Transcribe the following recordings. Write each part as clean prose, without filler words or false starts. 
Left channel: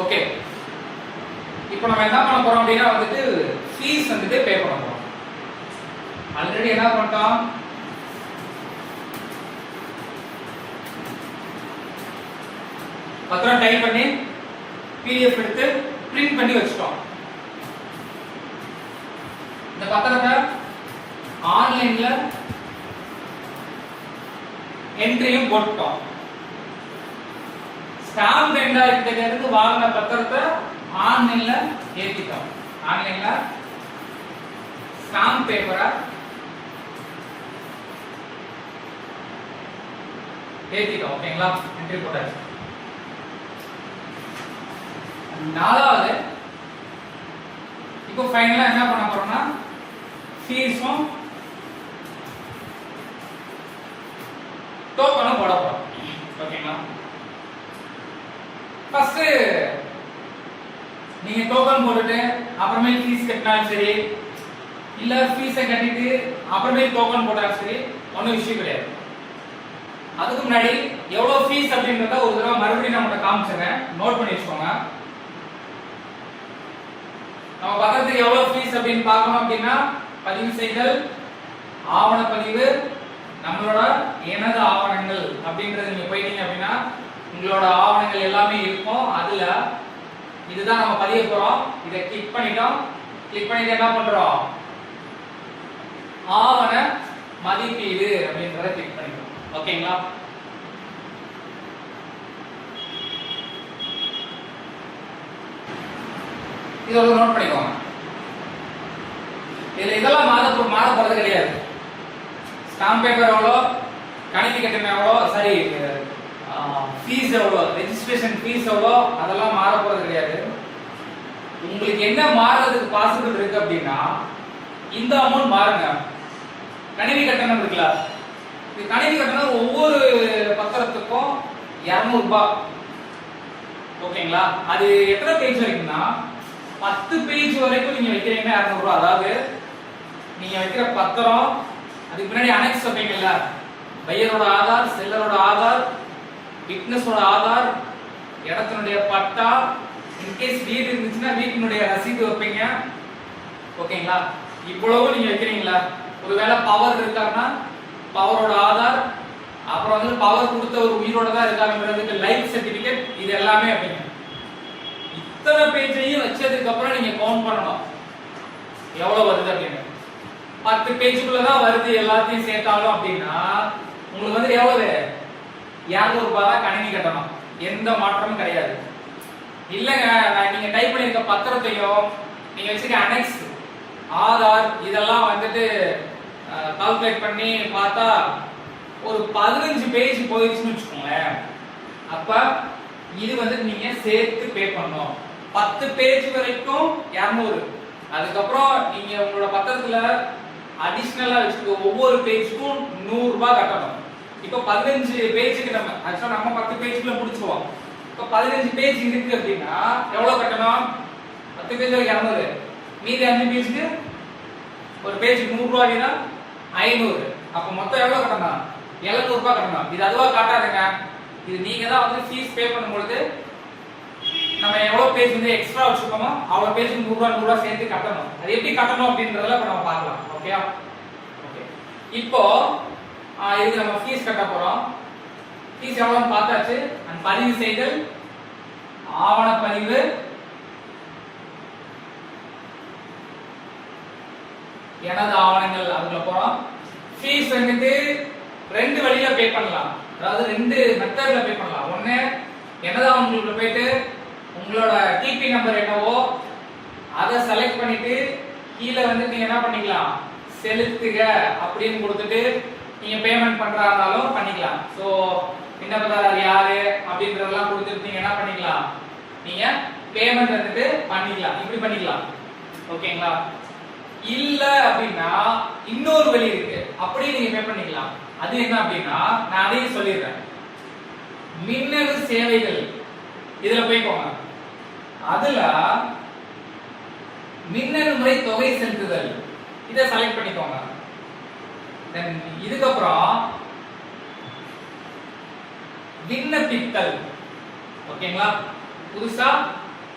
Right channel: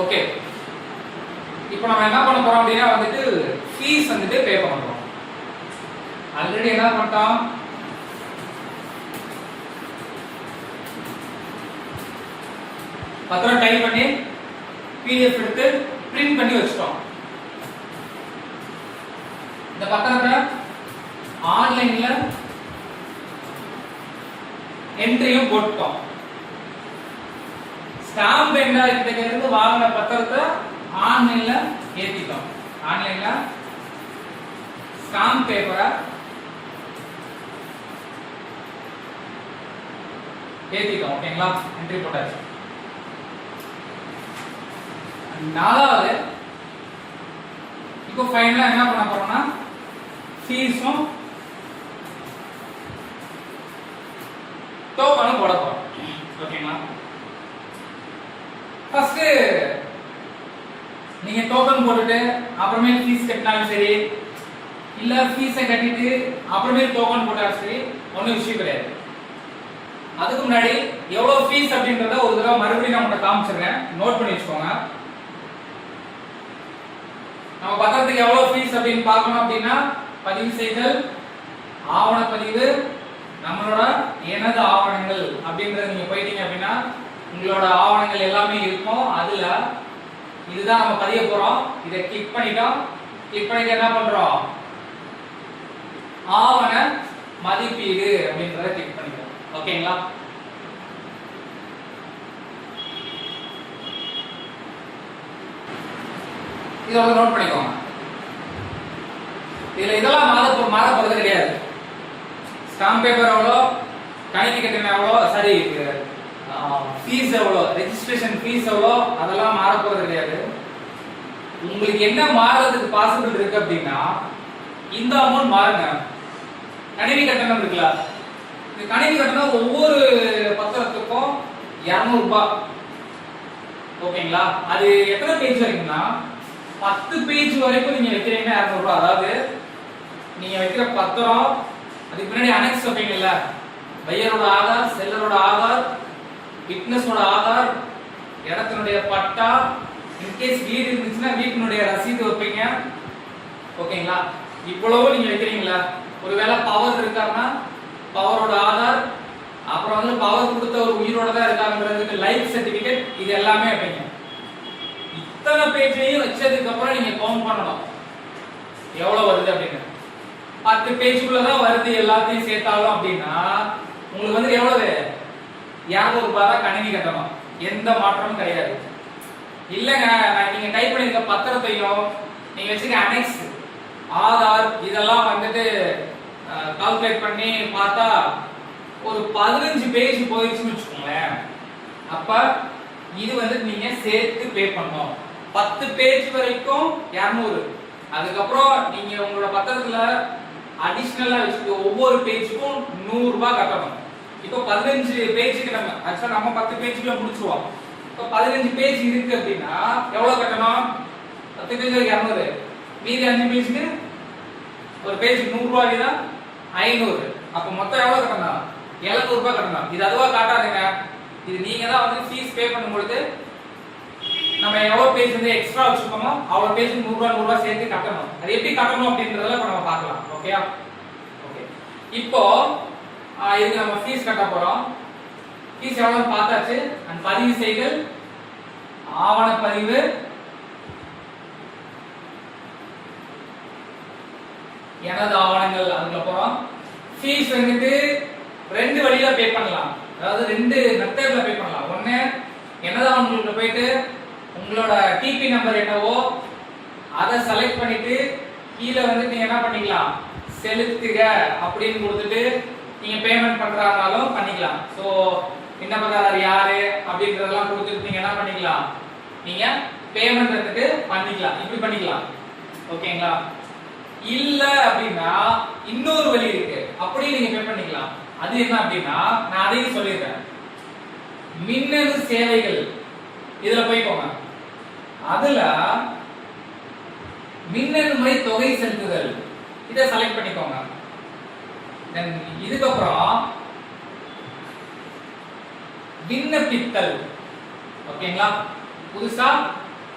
Okay, இப்போ நம்ம என்ன பண்ண போறோம் அப்படின்னா வந்துட்டு ஃபீஸ் வந்துட்டு பே பண்ண போறோம். ஆல்ரெடி என்ன பண்ணிட்டோம், பத்திரம் டைப் பண்ணி PDF எடுத்து பிரிண்ட் பண்ணி வச்சுட்டோம். இந்த பத்திரத்தை ஆன்லைன்ல என்ட்ரியும் போட்டுட்டோம். ஸ்டாம்ப் வெண்டார்கிட்ட இருந்து வாங்கின பத்திரத்தை ஆன்லைன்ல ஏத்திட்டோம். ஆன்லைன்ல ஸ்டாம்ப் பேப்பரை ஏத்திட்டோம். ஓகேங்களா, என்ட்ரி போட்டாச்சு. நாலாவது, இப்போ ஃபைனலா என்ன பண்ண போறோம்னா ஃபீஸும் டோக்கனும் போட போறோம். ஓகேங்களா, ஃபர்ஸ்ட் நீங்க டோக்கன் போட்டுட்டு அப்புறமே ஃபீஸ் கட்டினாலும் சரி, இல்ல ஃபீஸை கட்டிட்டு அப்புறமே டோக்கன் போட்டாலும் சரி, ஒன்றும் விஷயம் கிடையாது. அதுக்கு முன்னாடி எவ்வளவு ஃபீஸ் அப்படின்றத ஒரு தடவை மறுபடியும் நான் காமிச்சிடுறேன், நோட் பண்ணி வச்சுக்கோங்க. நம்ம பத்திரத்துக்கு எவ்வளவு ஃபீஸ் அப்படின்னு பார்க்கணும் அப்படின்னா, பதிவு செய்தல், ஆவணப்பதிவு, நம்மளோட எனது ஆவணங்கள் அப்படின்றது நீங்க போயிட்டீங்க அப்படின்னா உங்களோட ஆவணங்கள் எல்லாமே இருக்கும். அதுல இதுதான் நம்ம பதிய போறோம். இதை கிளிக் பண்ணிட்டோம். கிளிக் பண்ணிட்டு என்ன பண்றோம், ஆவண மதிப்பீடு அப்படின்றத கிளிக் பண்ணிட்டோம். ஓகேங்களா, இதை ஒரு நோட் பண்ணிக்கோங்க. இதுல இதெல்லாம் மாற போறது கிடையாது. ஸ்டாம்ப் பேப்பர் எவ்வளோ, கணினி கட்டணம் எவ்வளோ, சாரி ஃபீஸ் எவ்வளோ, ரெஜிஸ்ட்ரேஷன் ஃபீஸ் எவ்வளோ, அதெல்லாம் மாற போறது கிடையாது. உங்களுக்கு என்ன மாறுறதுக்கு பாசிபிள் இருக்கு அப்படின்னா இந்த அமௌண்ட் மாறுங்க. கணினி கட்டணம் இருக்குல்ல, இந்த கணினி கட்டணம் ஒவ்வொரு பத்திரத்துக்கும் 200 ரூபாய். ஓகேங்களா, அது எத்தனை பேஜ் வரைக்கும்னா 10 பேஜ் வரைக்கும் நீங்க வைக்கிறீங்கன்னா 200 ரூபாய். அதாவது நீங்க வைக்கிற பத்திரம், அதுக்கு முன்னாடி அனெக்ஸ் வைப்பீங்கல்ல, பையரோட ஆதார், செல்லரோட ஆதார், விட்னஸோட ஆதார், இடத்தினுடைய பட்டா, இன்கேஸ் வீடு இருந்துச்சுன்னா வீட்டினுடைய ரசீது வைப்பீங்க. ஓகேங்களா, இவ்வளவு நீங்க வைக்கிறீங்களா. ஒருவேளை பவர் இருக்காருன்னா பவரோட ஆதார், அப்புறம் வந்து பவர் கொடுத்த ஒரு உயிரோட தான் இருக்காருன்றதுக்கு லைஃப் சர்டிபிகேட், இது எல்லாமே வைப்பீங்க. இத்தனை பேஜையும் வச்சதுக்கு அப்புறம் நீங்க கவுண்ட் பண்ணணும் எவ்வளவு வருது அப்படின்னு. 10 பேஜுக்குள்ளதான் வருது எல்லாத்தையும் சேர்த்தாலும் அப்படின்னா உங்களுக்கு வந்து எவ்வளவு, 200 ரூபாய் தான் கணினி கட்டணும். எந்த மாற்றமும் கிடையாது. இல்லங்க, நீங்க டைப் பண்ணிருக்க பத்திரத்தையும் நீங்க வச்சிருக்க அனெக்ஸ், ஆதார், இதெல்லாம் வந்துட்டு கால்குலேட் பண்ணி பார்த்தா ஒரு 15 பேஜ் போயிடுச்சுன்னு வச்சுக்கோங்களேன். அப்ப இது வந்து நீங்க சேர்த்து பே பண்ணணும். 10 பேஜ் வரைக்கும் 200. அதுக்கப்புறம் நீங்க உங்களோட பத்திரத்துல அடிஷனலா வச்சுக்க ஒவ்வொரு பேஜுக்கும் 100 ரூபாய் கட்டணும். இப்போ 15 பேஜுக்கு நம்ம ஆக்சுவலா நம்ம 10 பேஜுக்குள்ள முடிச்சுவோம். இப்போ 15 பேஜ் இருக்கு அப்படின்னா எவ்வளவு கட்டணும், 10 பேஜ் 200, மீதி 5 பேஜுக்கு ஒரு பேஜ் 100 ரூபாய்னா 500. அப்ப மொத்தம் எவ்வளவு கட்டணும், 700 ரூபாய் கட்டணும். இது அதுவா காட்டாதுங்க, இது நீங்க தான் வந்து ஃபீஸ் பே பண்ணும்போது நம்ம எவ்வளவு பேஜ் வந்து எக்ஸ்ட்ரா வச்சிருக்கோமோ அவ்வளவு பேஜ் 100 ரூபாய் 100 ரூபாய் சேர்த்து கட்டணும். அது எப்படி கட்டணும் அப்படின்றதெல்லாம் இப்ப நம்ம பார்க்கலாம். Okay, okay. இப்போ இதுக்கு நம்ம ஃபீஸ் கட்ட போறோம். ஃபீஸ் எவ்வளவுன்னு பார்த்தாச்சு. அண்ட் பதிவு செய்தல், ஆவணப்பதிவு, எனது ஆவணங்கள், அதுக்குள்ள போறோம். ஃபீஸ் வந்துட்டு 2 வழியில பே பண்ணலாம். அதாவது 2 மெத்தட்ல பே பண்ணலாம். ஒண்ணு, எனது ஆவணங்களுக்குள்ள போயிட்டு உங்களோட டிபி நம்பர் என்னவோ அதை செலக்ட் பண்ணிட்டு கீழே வந்து நீங்க என்ன பண்ணிக்கலாம், செலுத்துக அப்படின்னு கொடுத்துட்டு நீங்க பேமெண்ட் பண்றதாலும் பண்ணிக்கலாம். சோ விண்ணப்பதாரர் யாரு அப்படின்றதெல்லாம் கொடுத்துட்டு நீங்க என்ன பண்ணிக்கலாம், நீங்க பேமெண்ட் வந்துட்டு பண்ணிக்கலாம். இப்படி பண்ணிக்கலாம். ஓகேங்களா, இல்ல அப்படின்னா இன்னொரு வழி இருக்கு, அப்படியே நீங்க பே பண்ணிக்கலாம். அது என்ன அப்படின்னா நான் அதையும் சொல்லிடுறேன். மின்னணு சேவைகள் இதுல போய்க்கோங்க. அதுல மின்னணு முறை தொகை செலுத்துதல் இதை செலக்ட் பண்ணிக்கோங்க. இதுக்கப்புறம் விண்ணப்பித்தல். ஓகேங்களா, புதுசா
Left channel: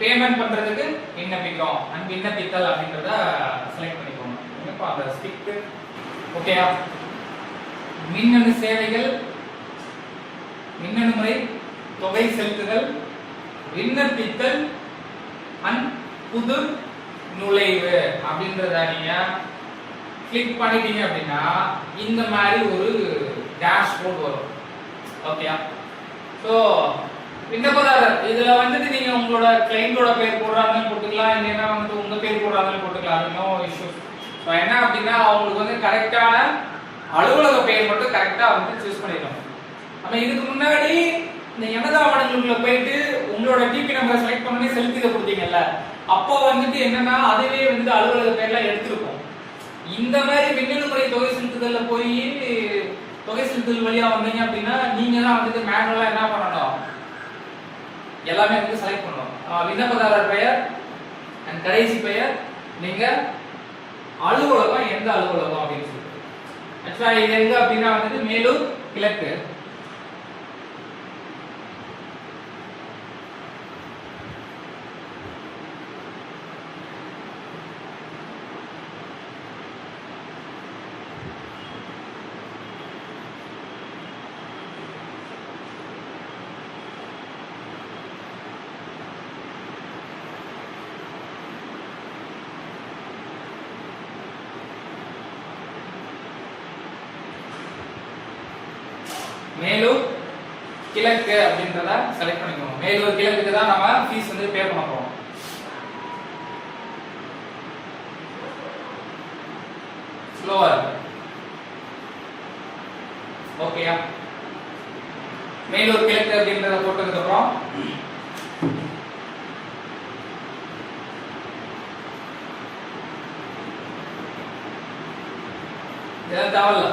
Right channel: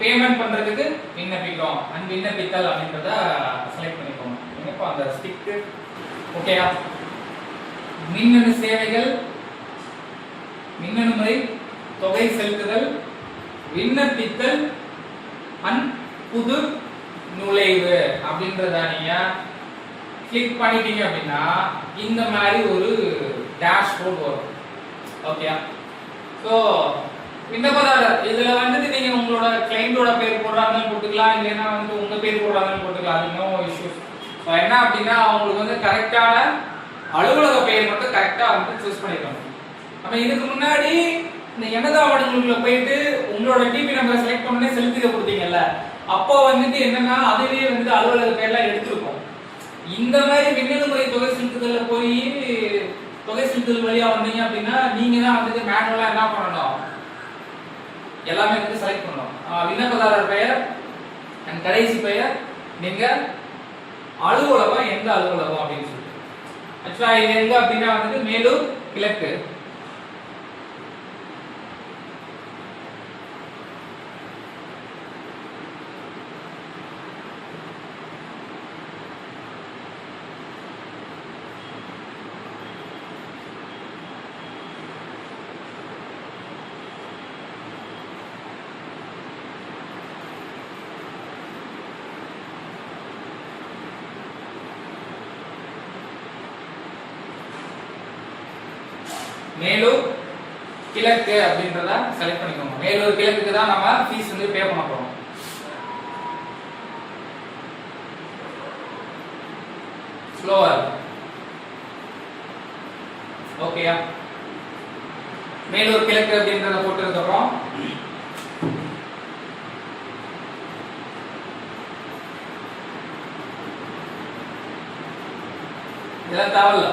பேமெண்ட் பண்றதுக்கு விண்ணப்பிக்கிறோம் அண்ட் விண்ணப்பித்தல் அப்படின்றத செலக்ட் பண்ணிக்கோங்க. இப்போ அந்த ஸ்டிக் ஓகேயா. மின்னணு சேவைகள், மின்னணு முறை, தொகை செலுத்துதல், விண்ணப்பித்தல் அண்ட் புது நுழைவு அப்படின்றத நீங்க கிளிக் பண்ணிட்டீங்க அப்படின்னா இந்த மாதிரி ஒரு டேஷ்போர்ட் வரும். ஓகேயா. ஸோ விண்ணப்பதாரர் இதுல வந்துட்டு நீங்க உங்களோட கிளைண்டோட பேர் போடுறாங்கன்னு போட்டுக்கலாம், இல்லைன்னா வந்து உங்க பேர் போடுறாங்கன்னு போட்டுக்கலாம். அது நோ இஷ்யூ. ஸோ என்ன அப்படின்னா அவங்களுக்கு வந்து கரெக்டான அலுவலக பெயர் மட்டும் கரெக்டா வந்து சூஸ் பண்ணிக்கணும். ஆனா இதுக்கு முன்னாடி இந்த எண்ணத ஆவணங்களுக்குள்ள போயிட்டு உங்களோட டிபி நம்பர் செலக்ட் பண்ணி செலுத்திக்க கொடுத்தீங்கல்ல, அப்போ வந்துட்டு என்னன்னா அதுலயே வந்து அலுவலக பெயர்லாம் எடுத்திருக்கும். இந்த மாதிரி மின்னணு முறை தொகை செலுத்துதல்ல போய் தொகை செலுத்துதல் வழியா வந்தீங்க அப்படின்னா நீங்க தான் வந்துட்டு மேனுவலா என்ன பண்ணணும், எல்லாமே வந்து செலக்ட் பண்ணணும். விண்ணப்பதாரர் பெயர் அண்ட் கடைசி பெயர், நீங்க அலுவலகம் எந்த அலுவலகம் அப்படின்னு சொல்லிட்டு. ஆக்சுவலா இது எங்க அப்படின்னா வந்துட்டு மேலூர் கிழக்கு. மேலூர் கிழக்கு அப்படின்றத செலக்ட் பண்ணிக்கோங்க. மேலூர் கிழக்குக்கு தான் நம்ம ஃபீஸ் வந்து பே பண்ண போறோம். ஸ்லோவர் ஓகேயா. மேலூர் கிழக்கு அப்படின்றத போட்டதுக்கு அப்புறம் இதெல்லாம் தேவையில்ல.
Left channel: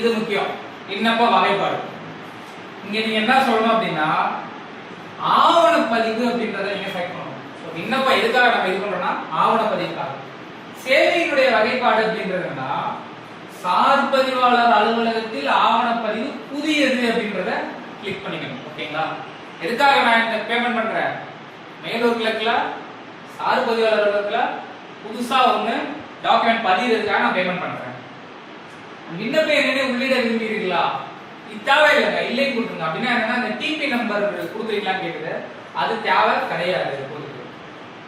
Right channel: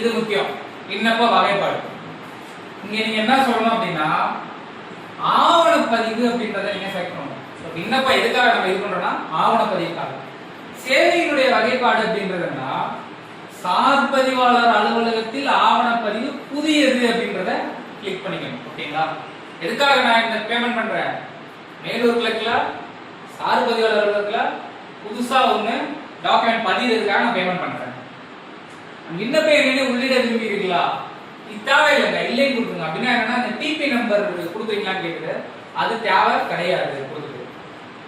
இது முக்கியம். விண்ணப்ப வகைப்பாடு. இங்க நீங்க என்ன சொல்லணும் அப்படின்னா ஆவணப்பதிவு அப்படின்றத நீங்க செலக்ட் பண்ணணும். விண்ணப்பம் எதுக்காக நம்ம இது பண்றோம்னா ஆவணப்பதிவுக்காக. சேவையினுடைய வகைப்பாடு அப்படின்றதுன்னா சார்பதிவாளர் அலுவலகத்தில் ஆவணப்பதிவு புதியது அப்படின்றத கிளிக் பண்ணிக்கணும். ஓகேங்களா. எதுக்காக நான் இந்த பேமெண்ட் பண்றேன், மேலூர் கிழக்குல சார்பதிவாளர் அலுவலகத்துல புதுசா ஒண்ணு டாக்குமெண்ட் பதிவுறதுக்காக நான் பேமெண்ட் பண்றேன். விண்ணப்பம் என்னன்னு உள்ளிட விரும்புகிறீர்களா, இது தேவை இல்லைங்க, இல்லைன்னு கொடுத்துருங்க. அப்படின்னா என்னன்னா இந்த டிபி நம்பர் கொடுக்குறீங்களான்னு கேக்குது, அது தேவை கிடையாது.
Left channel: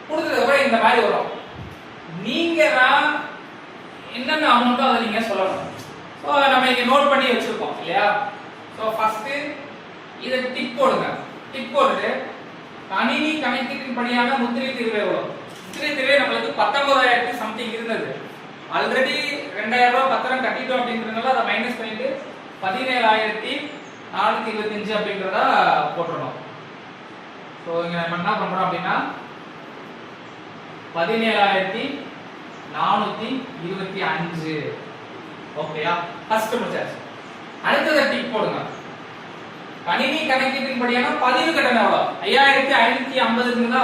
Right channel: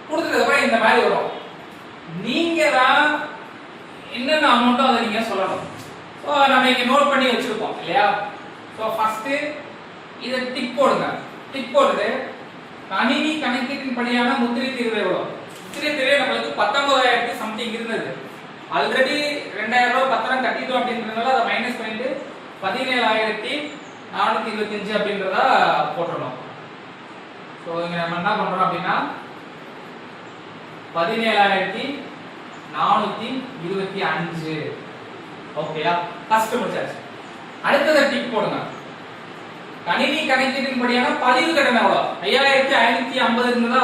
கொடுத்ததுக்கு அப்புறம் இந்த மாதிரி வரும். நீங்க தான் என்னென்ன அமௌண்ட்டோ அதை நீங்க சொல்லணும். ஸோ நம்ம இங்க நோட் பண்ணி வச்சிருக்கோம் இல்லையா. ஸோ ஃபர்ஸ்ட் இதை டிக் போடுங்க. டிக் போட்டு கணினி கணக்கீட்டின் படியான முத்திரை தீர்வு எவ்வளோ, முத்திரை தீர்வு நம்மளுக்கு 19,000 சம்திங் இருந்தது. ஆல்ரெடி 2000 ரூபாய் பத்திரம் கட்டிட்டோம் அப்படின்றதுனால அதை மைனஸ் பண்ணிட்டு 17,425 அப்படின்றத போட்டுறோம். ஸோ இங்க நம்ம என்ன பண்றோம் அப்படின்னா 17,425 ஓகேயா. ஃபர்ஸ்ட் முடிச்சாச்சு. அடுத்தது டிக் போடுங்க. கணினி கணக்கீட்டின் படியான பதிவு கட்டணம் எவ்வளோ, 5,550 இருந்ததா.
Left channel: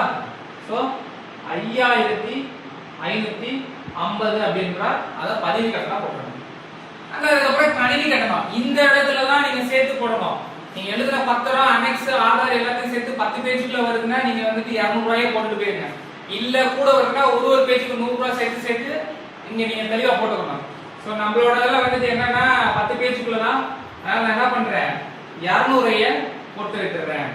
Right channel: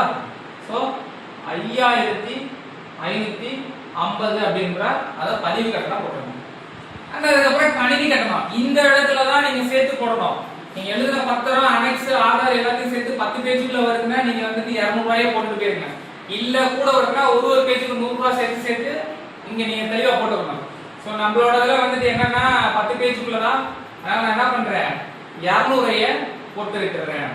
ஸோ 5,550 அப்படின்ற அதை பதிவு கட்டணம் போடணும். அதுக்கப்புறம் கணினி கட்டணம் இந்த இடத்துல தான் நீங்க சேர்த்து போடணும். நீங்க எழுதுன பத்திரம் அனெக்ஸ் ஆதார் எல்லாத்தையும் சேர்த்து 10 பேஜுக்குள்ள வருதுன்னா நீங்க வந்துட்டு 200 ரூபாயே போட்டுட்டு போயிருங்க. இல்ல கூட வருதுன்னா ஒரு பேஜுக்கு 100 ரூபாய் சேர்த்து இங்க நீங்க தெளிவா போட்டுக்கணும். ஸோ நம்மளோட இதெல்லாம் வந்துட்டு என்னன்னா 10 பேஜுக்குள்ள தான். அதனால நான் என்ன பண்றேன் 200 போட்டு விட்டுறேன்.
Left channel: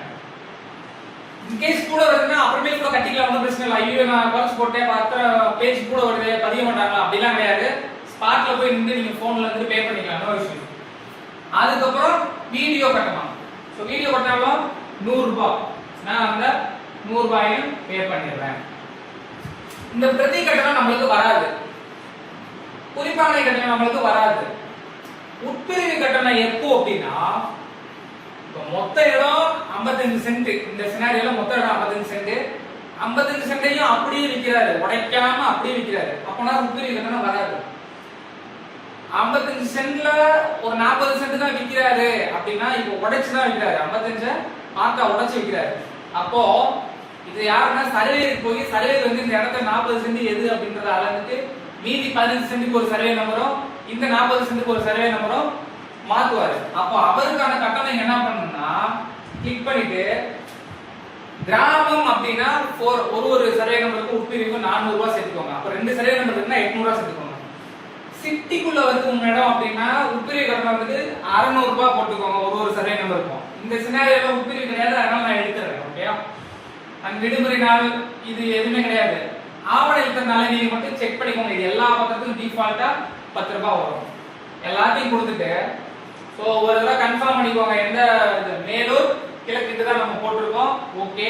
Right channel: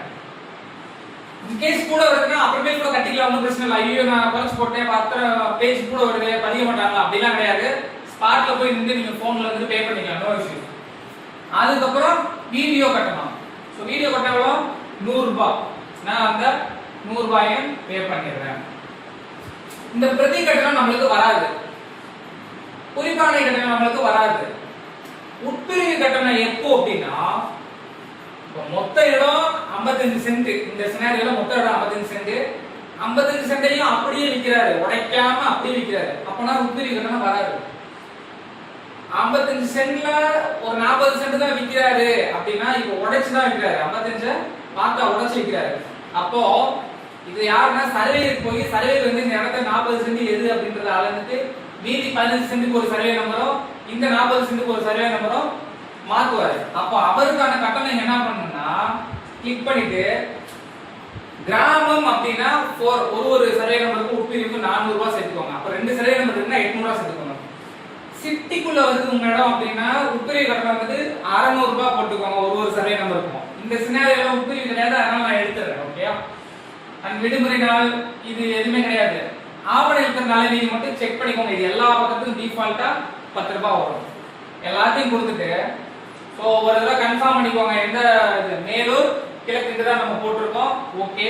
கேஸ் கூட வருதுன்னா அப்புறமே கூட கட்டிக்கலாம், ஒன்றும் பிரச்சனை இல்லை. ஐயோ நான் குறைச்சு போட்டேன் 10 பேஜ் கூட வருது பதிய மாட்டாங்க அப்படிலாம் கிடையாது. ஸ்பாட்ல போய் நின்று நீங்க போன்ல இருந்து பே பண்ணிக்கலாம், நோ இஷ்யூ. அதுக்கப்புறம் வீடியோ கட்டணும். ஸோ வீடியோ கட்டணம் 100 ரூபாய். நான் அந்த 100 ரூபாயை பே பண்ணிடுறேன். இந்த பிரதி கட்டணம் நம்மளுக்கு வராது, குறிப்பான கட்டணம் நம்மளுக்கு வராது. உட்பிரிவு கட்டணம் எப்போ அப்படின்னா மொத்த இடம் 55 சென்ட். இந்த சினாரியோல மொத்த இடம் 55 சென்ட். 55 சென்டையும் அப்படியே விற்கிறாரு, உடைக்காம அப்படியே விற்கிறாரு. அப்பனா உட்பிரிவு கட்டணம் வராது. 55 சென்ட்ல ஒரு 40 சென்ட் தான் விற்கிறாரு அப்படின்னா இப்போ உடைச்சு தான் விற்கிறாரு. 55 பார்த்தா உடைச்சு விற்கிறாரு. அப்போ இது யாருன்னா சர்வேயருக்கு போய் சர்வேயர் வந்து இந்த இடத்துல 40 சென்ட் எது அப்படின்றத அளந்துட்டு மீதி 15 சென்ட்டுக்கு ஒரு சர்வே நம்பரும் இந்த 40 சென்ட்டுக்கு ஒரு சர்வே நம்பரும் மாத்துவாரு. அப்போ அவருக்கான கட்டணம் என்ன பண்ணணும்னா கிளிக் பண்ணிட்டு கிராமம் அப்படின்னா ஒரு சர்வே நம்பருக்கு உட்பிரிவுக்கு 400 ரூபாய் சேர்த்துக்கோங்க. அப்ப 2 சர்வே நம்பர் இருக்குன்னா 800 ரூபாய் சேர்த்துக்கோங்க. சிட்டிக்குள்ள வருது உங்க இடம் அப்படின்னா உட்பிரிவு கட்டணம் வந்து 600 ரூபாய் போட்டுக்கோங்க ஒரு சர்வே நம்பருக்கும். இந்த சினாரியோல உட்பிரிவு கிடையாது, அதனால நான் எடுத்துறேன். ஓகே, அண்ட் விடுமுறை நாள் இது எதுவுமே கிடையாது. ஆவண எழுத்துறதுனால நீங்க மட்டும் செக் பண்ணிக்கோங்க. இது எல்லா பக்கத்துக்கும் டிஃபால்ட்டா 10 ரூபாய் வரும். எல்லாத்தையும் கொடுத்துட்டு சோ ஒரு தடவை கன்ஃபார்ம் பண்ணிக்கோங்க. எந்த மேலூர் கிழக்கு இதுதான் நம்ம போட்டிருக்கோம். ஓகே,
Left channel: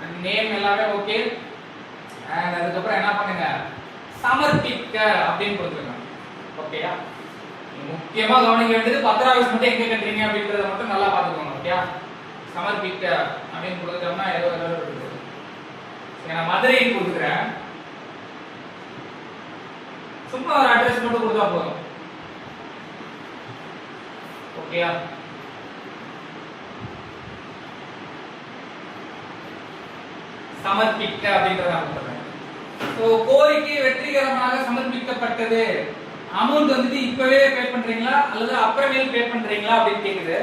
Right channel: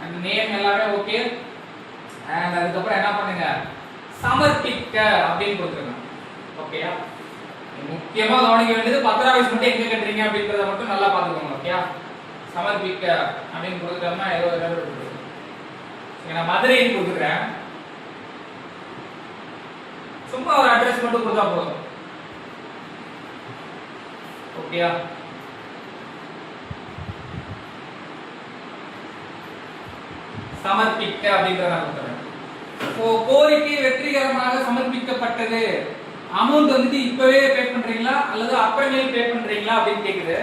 அண்ட் நேம் எல்லாமே ஓகே. அண்ட் அதுக்கப்புறம் என்ன பண்ணுங்க, சமர்ப்பிக்க அப்படின்னு கொடுத்துருங்க. ஓகேயா, முக்கியமா கவனிக்க வேண்டியது பத்திராவிஸ் மட்டும் எங்க கட்டுறீங்க அப்படின்றத மட்டும் நல்லா பாத்துக்கோங்க. ஓகேயா, சமர்ப்பிக்க அப்படின்னு கொடுத்துட்டோம்னா ஏதோ இருக்கு. நான் மதுரைன்னு கொடுத்துக்கிறேன். சும்மா ஒரு அட்ரஸ் மட்டும் கொடுத்தா போதும். ஓகேயா, சமர்ப்பிக்க அப்படின்றத நான் கொடுத்துறேன். கோரிக்கை வெற்றிகரமாக சமர்ப்பிக்கப்பட்டது. அமௌண்ட் வந்துட்டு இப்பவே பே பண்றீங்களா அல்லது அப்புறமேல் பே பண்றீங்களா அப்படின்னு கேக்குது.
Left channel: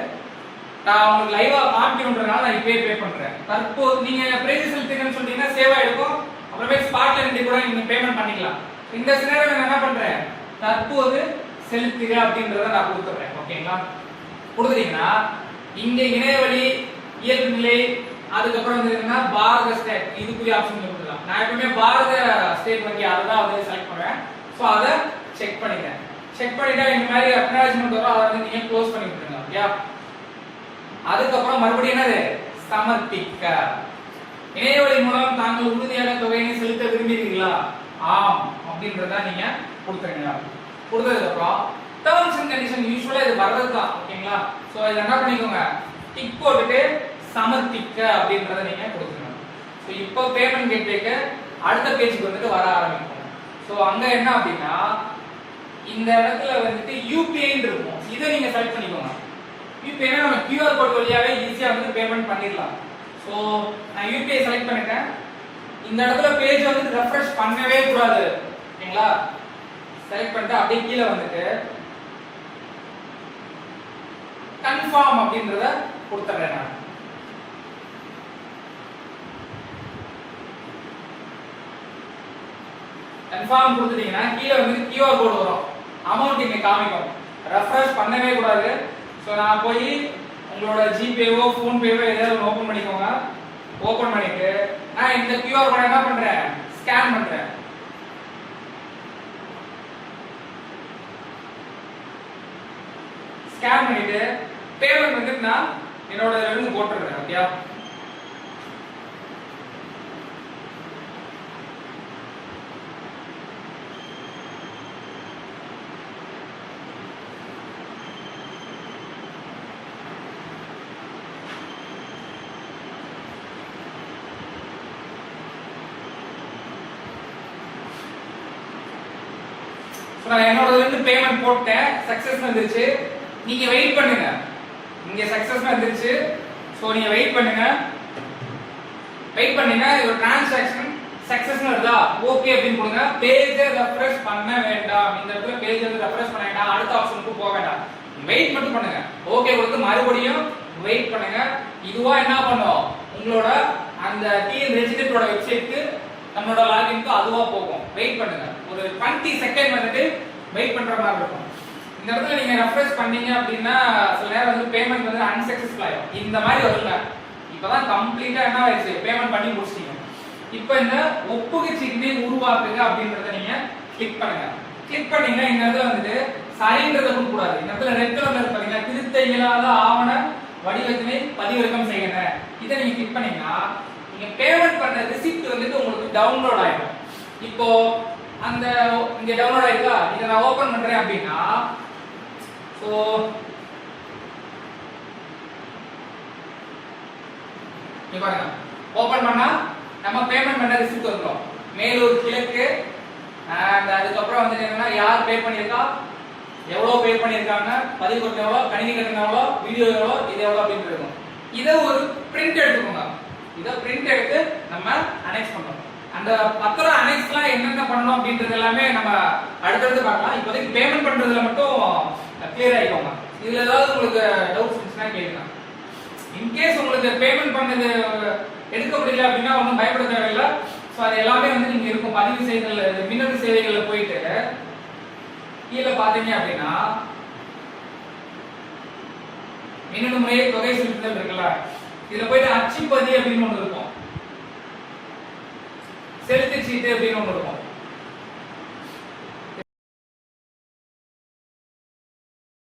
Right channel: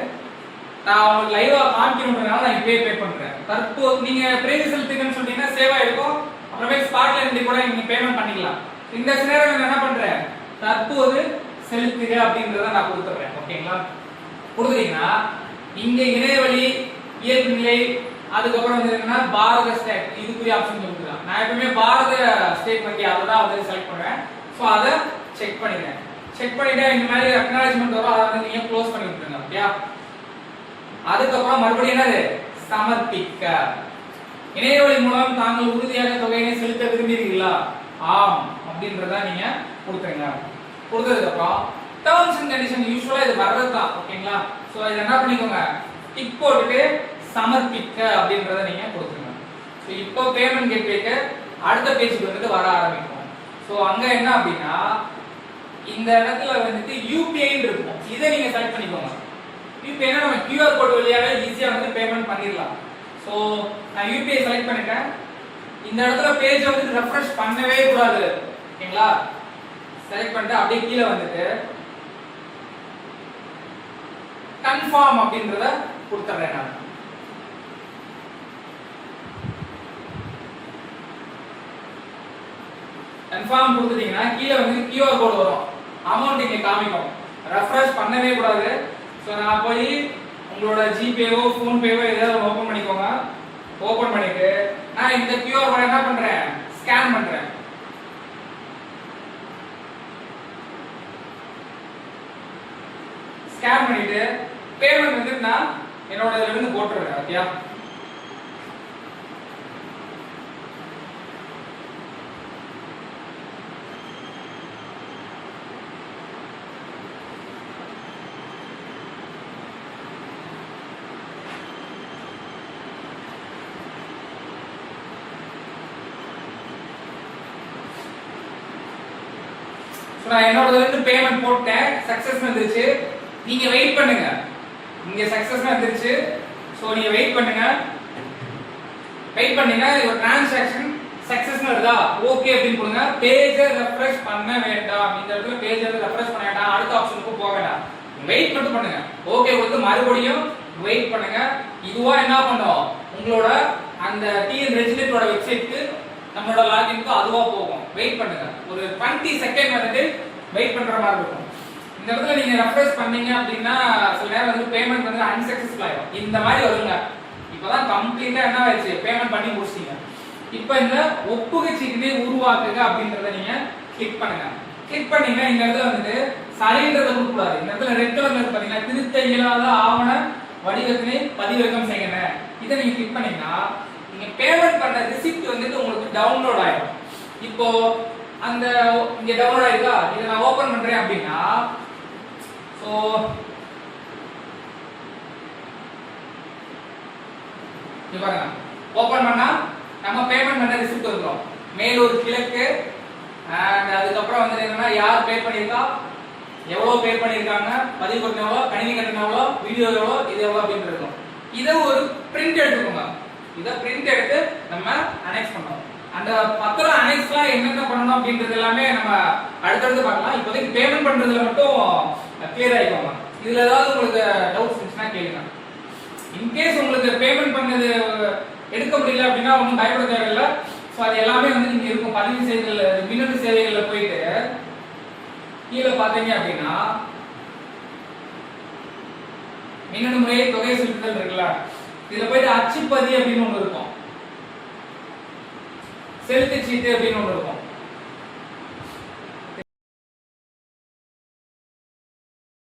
நான் உங்களுக்கு லைவா காமிக்கணும்ன்றதுனால நான் இப்பவே பே பண்றேன். தற்போது நீங்க பிரேதி செலுத்துங்கன்னு சொல்றீங்கன்னா சேவ் ஆயிருக்கும். அப்புறமே ஸ்பாட்ல இருந்து கூட நீங்க பேமெண்ட் பண்ணிக்கலாம். இந்த சினாரியோல நான் என்ன பண்றேன், தற்போது செலுத்துக அப்படின்றத நான் கொடுத்துறேன். ஓகேங்களா, கொடுத்தீங்கன்னா இங்க இணையவழி இயல்பு நிலை அதுக்கப்புறம் வந்து என்னன்னா பாரத ஸ்டேட் இதுக்குரிய ஆப்ஷன் கொடுத்துக்கலாம். நான் எப்பவுமே பாரத ஸ்டேட் வங்கி அதை தான் வந்து செலக்ட் பண்ணுவேன். ஸோ அதை செக் பண்ணிக்கிறேன். செக் பண்ணிட்டா இந்த மாதிரி அக்னாலஜ்மெண்ட் வரும், அதை வந்து நீங்க க்ளோஸ் பண்ணி விட்டுருங்க. ஓகே, அதுக்கப்புறம் மறுபடியும் என்னது, சமர்ப்பிக்க. இணையவழி மூலம் தாங்கள் உறுதியாக தொகையினை செலுத்த விரும்புகிறீர்களா? ஆம் அப்படின்றத நீங்க கொடுத்துருங்க. கொடுத்ததுக்கு அப்புறம் டர்ம்ஸ் அண்ட் கண்டிஷன் யூசுவலா இது வர்றதுதான். ஓகேங்களா, சோ இத என்ன பண்ணிக்கோங்க, டிக் போட்டுட்டு சமர்ப்பிக்க அப்படின்றத நீங்க கொடுத்துருங்க. சோ இப்போ பேமெண்ட் கேட்வேக்கு அடுத்த பேஜுக்கு வந்துட்டு வர ஆரம்பிக்கும். சோ அங்க என்ன அப்படின்னா இந்த இடத்துல வந்துட்டு யூபிஐ இருக்கும், இதை நீங்க செலக்ட் பண்ணிக்கோங்க. யூபிஐனா நம்ம QR கோட் வழியாவே ஈஸியா வந்து பேமெண்ட் பண்ணிடலாம். சோ நான் யூபிஐ செலக்ட் பண்ணிட்டேன். இந்த இடத்துல பேஜ் வந்து ரெஃப்ரெஷ் பண்ணவே கூடாது. ஓகேங்களா, செலக்ட் பண்ணிட்டு அப்படியே கீழே வந்துட்டு கன்ஃபார்ம் அப்படின்றத கொடுத்துறேன். நான் கன்ஃபார்ம் கொடுத்துட்டீங்கன்னா கீழே வந்து QR கோட் வரும், அமௌண்ட் இங்க காமிக்கும். ரெஃப்ரெஷ் பண்ணவே கூடாது. சோ நான் போய் உங்களோட ஜிபேவோ ஃபோன்பேவோ ஏதாவது ஓபன் பண்ணிக்கோங்க. ஓபன் பண்ணிட்டு நான் இந்த QR கோட் என்ன பண்றேன், ஸ்கேன் பண்றேன். ஸ்கேன் பண்ணிட்டு பேமெண்ட் வந்து நான் என்னோட இதுல இருந்து போட்டுறேன். ஓகேயா, நான் என்னோட இருந்து பேமெண்ட் போட்டேன், சக்சஸ் வந்துருச்சு. நீங்க வெயிட் பண்ணுங்க, இங்க சக்சஸ் வந்துருச்சு. சோ நீங்க வெயிட் பண்ணுங்க. வெயிட் பண்ணீங்க, ஒரு டிரான்சாக்ஷன் சக்சஸ் வருதா, ஓகே அப்படின்னு கொடுங்க. பேஜை ரெஃப்ரெஷ் பண்ண வேண்டாம். இந்த இடத்துல பேஜை ரெஃப்ரெஷ் பண்ண வேண்டாம், அடுத்த ஆப்ஷனுக்கு போக வேண்டாம். வெயிட் மட்டும் பண்ணுங்க. ஓகே கொடுத்து மறுபடியும் வெயிட் பண்ணுங்க. இதுவா என்ன பண்ணும், உங்களோட அந்த டிஎன் ரெஜிஸ்டரோட வெப்சைட்க்கு நம்மளோட லாகின்க்கு அதுவா போகும். வெயிட் பண்ணுங்க, ஒரு 20 செகண்ட் வந்துட்டு வெயிட் பண்ற மாதிரி இருக்கும். இந்த இடத்துல நீங்க ரெஃப்ரெஷ் பண்ணீங்க அப்படின்னா சில நேரம் வந்து பேமெண்ட் வந்து அன்சக்சஸ்ஃபுல் ஆயிடும். இந்த மாதிரி வருங்க. இப்பதான் கம்ப்ளீட்டா என்ன ஆயிடுச்சு, பேமெண்ட் பண்ணி முடிச்சிட்டீங்க. இப்போ இந்த ஒப்புகை சீட்டினை உருவாக்குங்க அப்படின்றத நீங்க கிளிக் பண்ணுங்க. கிளிக் பண்ணீங்கன்னா இந்த இடத்துல வந்துட்டு சரின்றத கொடுக்க கூடாது. இந்த இடத்துல ரெட் கலர்ல பாத்தீங்கன்னா திருத்த இயலாத ஆவண வடிவத்தினை பதிவிறக்கம் செய்யணும். இதை நீங்க கிளிக் பண்ணீங்கன்னா நீங்க பேமெண்ட் பண்ண ரிசிப்ட் வந்துட்டு உங்களுக்கு டவுன்லோட் ஆயிடும். இப்போ அந்த இங்க டவுன்லோட் ஆயிருக்கா, இதை நான் ஓபன் பண்றேன் அப்படின்னா சோ இங்க பாருங்க, ஓபன் பண்ணா நம்ம பேமெண்ட் பண்ண ரிசிப்ட் வந்துரும். மேலூர் கிழக்கு and அதுக்கப்புறம் வந்து என்னன்னா யார் பே பண்ணிருக்கா, எவ்வளவு பே பண்ணிருக்காங்க, பதிவு கட்டணம் எவ்வளவு, கணினி கட்டணம் எவ்வளவு, வீடியோ எவ்வளவு, இது எவ்வளவு அப்படின்னு இருக்கும். இதை ஒரு பிரிண்ட் எடுத்துக்கோங்க. இத பிரிண்ட் எடுத்து நம்ம அனெக்ஸ் பண்ணோம். அந்த பத்திரம் அனெக்ஸ்லாம் என்னென்ன பண்ணணும் அப்படின்றது எல்லாமே நம்ம அடுத்தடுத்து பார்க்கலாம். இப்போதைக்கு பேமெண்ட் பண்றதுல மட்டும் கிளியர் ஆயிக்கோங்க. இதுல ஏதாவது உங்களுக்கு டவுட்ஸ் இருந்துச்சுன்னா கேளுங்க. இன்கேஸ் உங்களுக்கு பேமெண்ட் பண்ணது எடுக்க முடியல அப்படின்னா ஒன்றும் பயப்பட தேவையில்லை. ஸோ அது எல்லாமே வந்து நீங்க இருக்கும் பதிவு செய்தல் மின்னணு சேவைகள்ல போயிட்டு கீழே பார்த்தீங்க அப்படின்னா மின்னணு முறையை தொகை செலுத்துதல் இருக்குல்ல, இதுல போயிட்டு அச்சுப்பதி அப்படின்னு ஒன்று இருக்கும், செலுத்து சீட்டு அப்படின்னு ஒன்று இருக்கும்.